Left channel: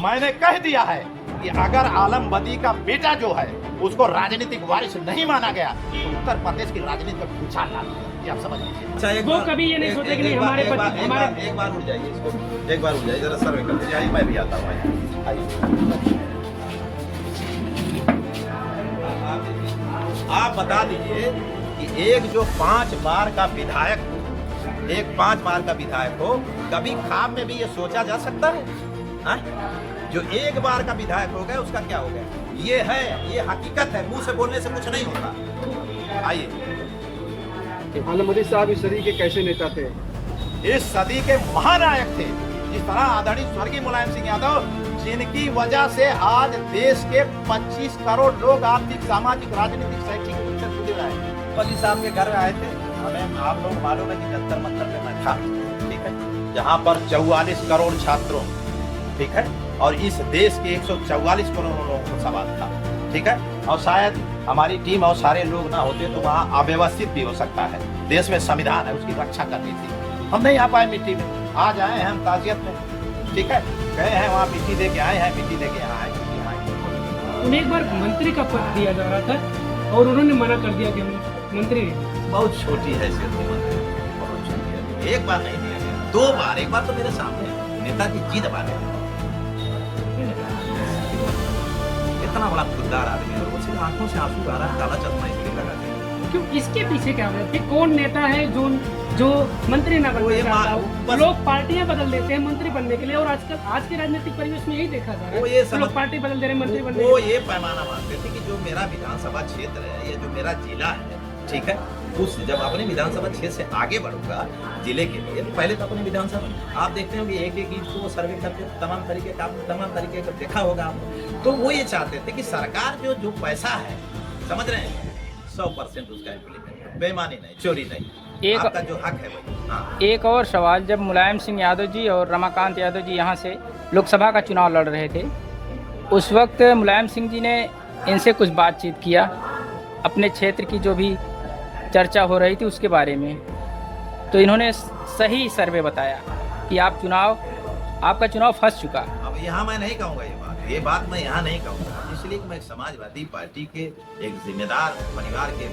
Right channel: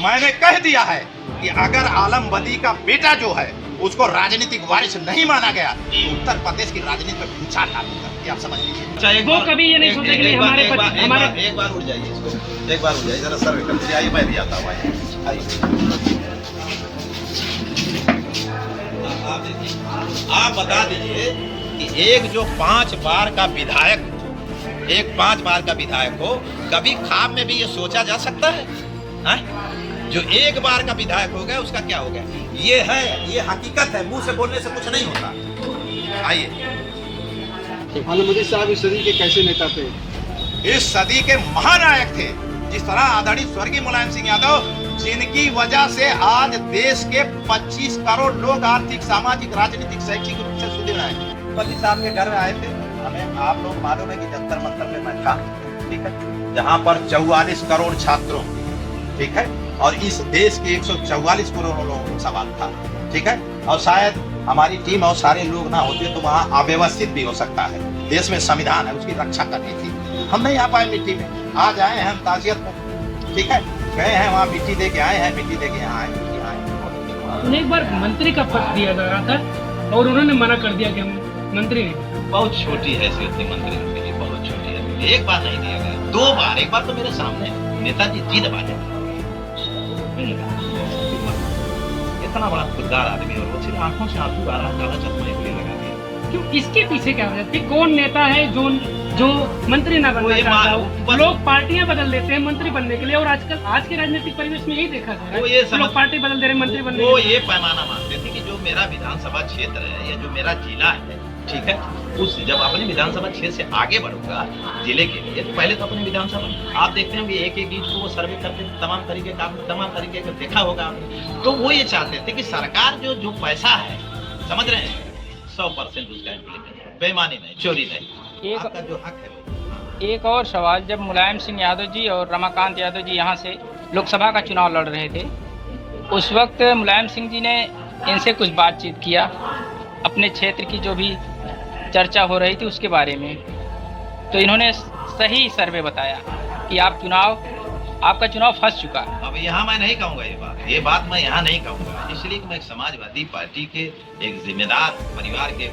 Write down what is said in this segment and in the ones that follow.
मैंने कह दिया है कि अगर आलम बदी का बेटा जो है उसको राजनीतिक वारिस नहीं माना गया तो उत्तर प्रदेश की राजनीति में भूचाल डालूंगा, ये आप समझ लीजिए। अच्छा, वो कभी ये नहीं सोचेंगे एक बार उठ जाइए इसको, एक बार उठ जाइए जरा सर, एकदम से आइए, मैं भी आता हूँ, आइए। आप देखिए, आप बता दीजिए कि एक जो 5 बार का विधायक हो, एक 5 बार का विधायक हो, कभी ख्वाब में भी ये सोचा जा सकता है? जो एक बार का विधायक हो गया उसका क्या हो गया? ये है, ये हकीकत है, मुंह से बोलने से कुछ नहीं होता। आइए। आलम बदी साहब इस सदी के कैसे नेता थे? इस सदी के महानायक थे। जिस तरह आदरणीय स्वर्गीय मुलायम सिंह यादव, जिनकी वजह से आज देश के 25 करोड़ लोग आर्थिक, सामाजिक, राजनीतिक, शैक्षिक रूप से सुदृढ़ हैं। मोदी साहब के घर आए थे, हमें आप लोग मालूम है कि जंतर मंतर में मैं था, ठीक है, जहाँ पर 44 करोड़ छात्रों, ठीक है, और इस देश के 144 करोड़ लोगों को सवाल था, ठीक है, और शायद हमारी टीम और सारे लोग ना होते तो वहाँ अव्यवस्थित भी हो सकता है। देश में संविधान है, उसकी रक्षा करनी थी, हम नहीं आ पाए मिट्टी में। आज आए हैं हम ताजियत में, ठीक है, गए हैं वहाँ मिट्टी दे के आए हैं, मिट्टी दे के यहाँ आए, उन्हें एक बार मंत्री का पद दिया जा रहा था और उन्होंने मना कर दिया कि हम मंत्री नहीं। बहुत छोटी हैसियत थी मंत्री के लिए, बहुत छोटी है। एक बार नहीं दिया गया, 2 बार, एक बार तो मेरे सामने नेताजी जी दबा दे, इतना बड़ा खुददार आदमी और वो सिर्फ आंखों से आंसू आ रहा है, काला चश्मा इसलिए लगा दिया। क्यों, इसके पीछे क्या वजह थी? कौन नेता है जो मंत्री ना बनना चाहता हो? लोग पार्टियां बदल देते हैं मंत्री बनने के लिए, और आजकल आज के राजनीतिक परिवेश में यही देखा जा रहा है, लोग पार्टी बदल दे रहे हैं मंत्री बनने के लिए। वो ये पैमाना मानते थे कि जो मेरा विधानसभा क्षेत्र है या जो मेरा जिला है, ठीक है, उस जब अपने विधानसभा क्षेत्र से आगे बढ़ूंगा जिले के लिए, तो पहले तो अपने विधानसभा, आप देखते होंगे एक एक इंच को वो सर्वे करते, तमाम तरीके का देखा होगा आपने। तो वो ये चाहते थे कि सरकार जो पैसा है, समझ रहे हैं, 100% उसका इम्प्लीमेंट, बेईमानी नहीं, चोरी नहीं, आपका जो हक है वही। हाँ। एक और सवाल, जब मुलायम सिंह यादव जी और रमाकांत यादव जी यहाँ से लोकसभा का चुनाव लड़ रहे थे, उस वक्त मुलायम सिंह जी ने इनसे कुछ बातचीत किया, अपने क्षेत्र की जो भी चर्चा हो रही थी उसके बारे में, तो इन्होंने सही सर्वे बताया कि आपका चुनाव फंस चुका। अब यहाँ मैं नहीं कहूँगा ये बात मैं यहाँ नहीं कहूँगा, इसलिए कि मैं एक समाजवादी पार्टी के एक जिम्मेदार परिवार के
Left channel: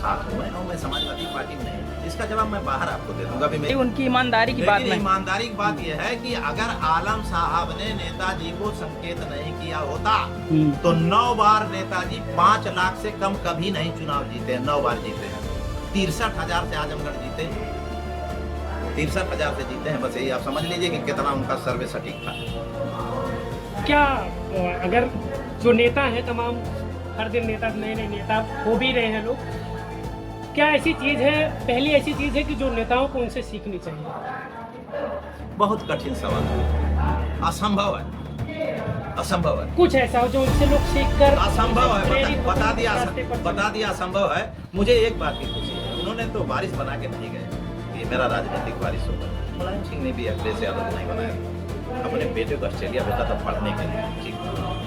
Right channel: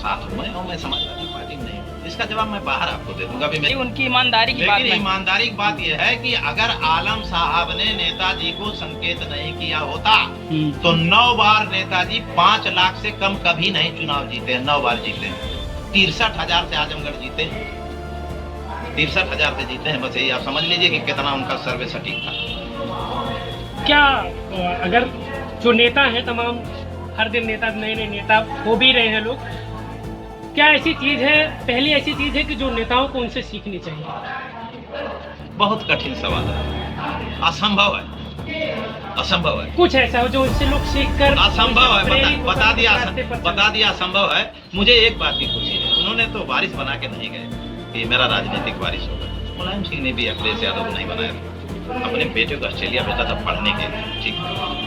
साथ हूँ मैं, और मैं समाजवादी पार्टी में नहीं हूँ। इसका जवाब मैं बाहर आपको दे दूंगा भी। उनकी ईमानदारी की बात, लेकिन ईमानदारी की बात यह है कि अगर आलम साहब ने नेताजी को संकेत नहीं किया होता तो 9 बार नेताजी 5 लाख से कम कभी नहीं चुनाव जीते, 9 बार जीते, 63,000 से आजमगढ़ जीते, 63,000 से जीते हैं। बस यही आप समझ लीजिए कि कितना उनका सर्वे सटीक था। क्या अगर जो नेता है तमाम, हर दिन नेता, नए नए नेता हो भी रहे हैं लोग, क्या ऐसी चीज है, पहली ऐसी चीज है कि जो नेताओं को उनसे सीखनी चाहिए? बहुत कठिन सवाल है, असंभव है, असंभव है। कुछ ऐसा हो जो उनसे लोग सीख कर, असंभव है, बता दिया असंभव है। मुझे एक बात की खुशी है, उन्होंने तो वारिस बना के नहीं गए कि मेरा राजनीतिक वारिस होगा। मुलायम सिंह ने भी अखिलेश यादव को नहीं बनाया, अपने बेटे को ऑस्ट्रेलिया भेजा था पढ़ने के लिए, ठीक,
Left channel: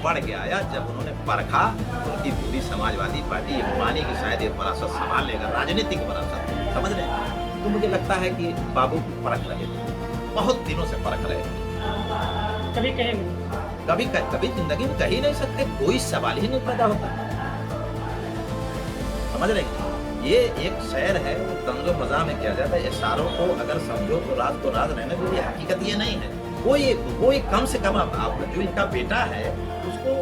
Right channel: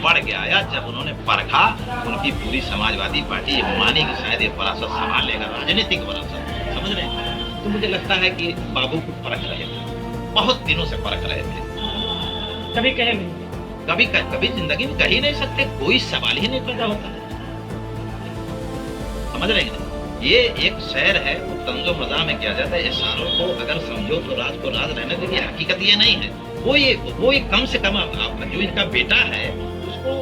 पढ़ के आया, जब उन्होंने परखा उनकी पूरी समाजवादी पार्टी ये मानी कि शायद ये विरासत संभाल लेगा, राजनीतिक विरासत, समझ रहे हैं, तो मुझे लगता है कि बाबू को परख रहे थे, बहुत दिनों से परख रहे थे। कभी कहे नहीं, कभी जिंदगी में कह ही नहीं सकते, कोई सवाल ही नहीं पैदा होता, समझ रहे हैं। ये एक शहर है, वो तंजो मजा में किया जाता है, इशारों को अगर समझो तो राज को राज रहने दीजिए, हकीकत ये नहीं है। वो ये कम से कम आप जो इनका बेटा है उसको,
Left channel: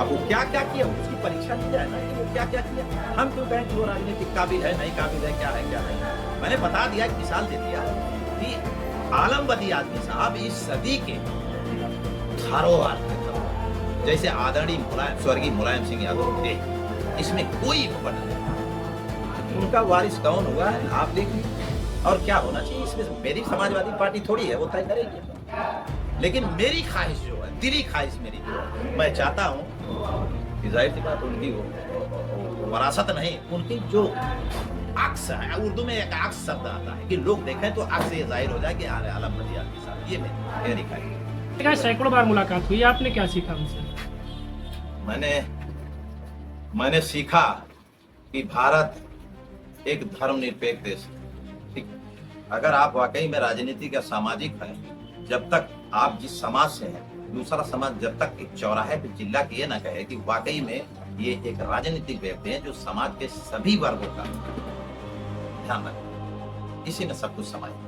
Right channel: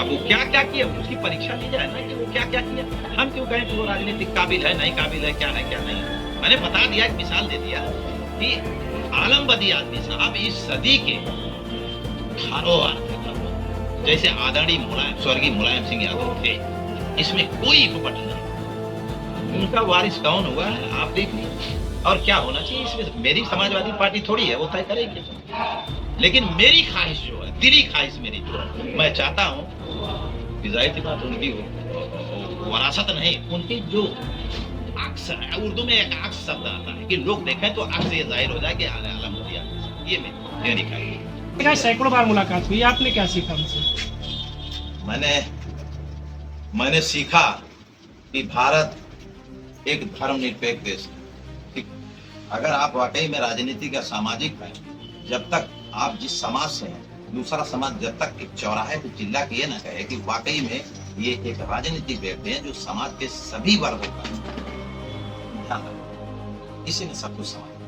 अब वो क्या किया उसकी परीक्षा ली जाए ना, कि वो क्या किया। हम क्यों कहें कि वो राजनीतिक काबिल है, नहीं काबिल है, क्या नहीं। मैंने बता दिया, एक मिसाल दे दिया कि आलम बदी आदमी साहब इस सदी के धरोहर थे, जैसे आदरणीय स्वर्गीय मुलायम सिंह यादव थे, इसमें कोई विपट नहीं। उनका वारिस कौन हुआ है आप देख लीजिए, और क्या होना चाहिए इसमें मेरी समाजवादी पार्टी थोड़ी है, वो तय करेगी। लेकिन मेरी ख्वाहिश जो है, दिली ख्वाहिश मेरी जो है, मैं चाहता हूँ कि जाहिर सी बात उनकी वरासत नहीं, उनकी जो अक्स है, उर्दू में एक अक्स शब्द आता है कि लोग देखें तो अक्स ये जाहिर हो जाए कि आलम बदी आदमी साहब, ये मेरी ख्वाहिश। सैकड़ों बार मुलाकात हुई, आपने क्या सीखा उनसे? मैंने सीखा कि भारत एक धर्मनिरपेक्ष देश है, ठीक। अगर आप वाकई में राजनीति का सामाजिक है, जब तक आप जिस समाज से हैं दूसरा समाज जब तक एक चौराहे पे चिल्ला के ये ना कहे कि वाकई में ये एक राजनीतिक व्यक्ति है जो समाज के सभी वर्गों का ध्यान रखे, इसी में सब कुछ समाज